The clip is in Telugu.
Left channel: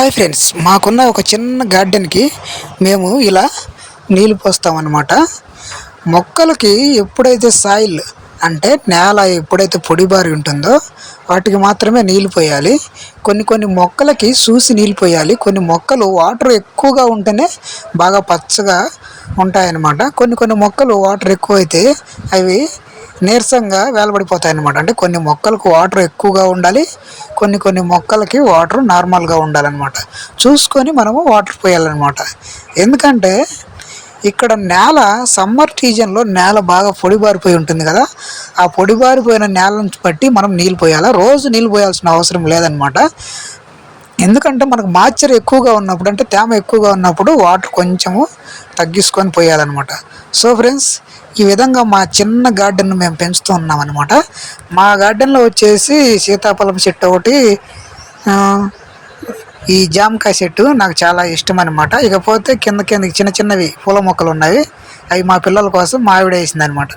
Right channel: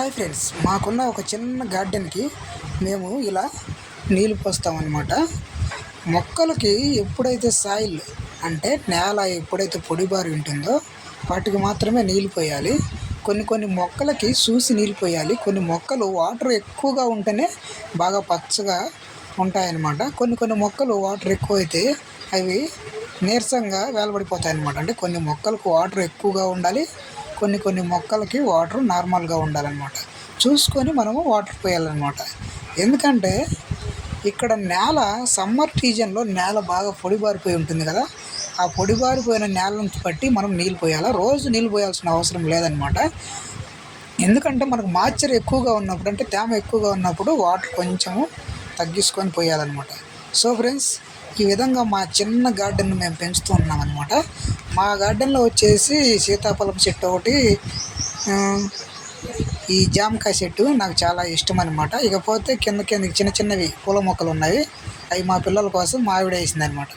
హాయ్ ఫ్రెండ్స్, మాకున్న ఒక చిన్న గార్డెన్కి మేము ఇలా నీళ్ళు పోస్తామన్నమాట. మొక్కలకి ఎప్పుడైతే సాయిల్ అంటే నేల ఎప్పుడైతే పొడిబారి ఉంటుందో వాటికి మాత్రమే నీళ్ళు పోయాలి. కొన్ని మొక్కలకి చూసి నీళ్ళు పోయాలి. కొన్ని మొక్కలు వాటర్ ఎక్కువగా ఉంటేనే బాగా పచ్చగా ఉంటాయన్నమాట. కొన్ని మొక్కలు వాటర్ ఎక్కువైతే అవి నీరసంగా వేలబడిపోతాయి అన్నమాట. అంటే కొన్ని మొక్కలకు వాటర్ ఎక్కువగా ఉండాలి, కొన్ని మొక్కలకి వాటర్ నార్మల్గా ఉండాలన్నమాట. చూసుకొని మనము వాటర్ పోయాలన్నమాట. ఎందుకంటే ఇక్కడ నేల సమ్మర్ సీజన్లో నేల బాగా పొడిబారిపోయి ఉంటుంది కదా, ఆ పొడిబారిపోయిన నేలను బట్టి మనం నీళ్ళు పోయాలి. రోజు నీళ్ళు పోయాల్సిన అవసరం లేదనమాట. ఎందుకంటే మనకు మాయిశ్చర్ ఎక్కువగా ఉన్నప్పుడు, అంటే తేమ ఎక్కువగా ఉన్నప్పుడు వాటర్ కొంచెము తగ్గించుకొని పోయాలన్నమాట. సో ఫ్రెండ్స్, ఈ విధంగా మా చిన్న గార్డెన్ను మేము పెంచుతూ ఉన్నాం అనమాట. మా గార్డెన్లో వచ్చేసి సీతాఫలం చెట్టు ఒకటి, ఈ జామకాయ చెట్టు నాకు చాలా ఇష్టం అనమాట. ఇకపోతే కిందకి చిన్న చిన్నవి పూల మొక్కలు ఉన్నాయి. అవి మా పిల్లల కోసం మా ఆవిడ వేసింది అనమాట.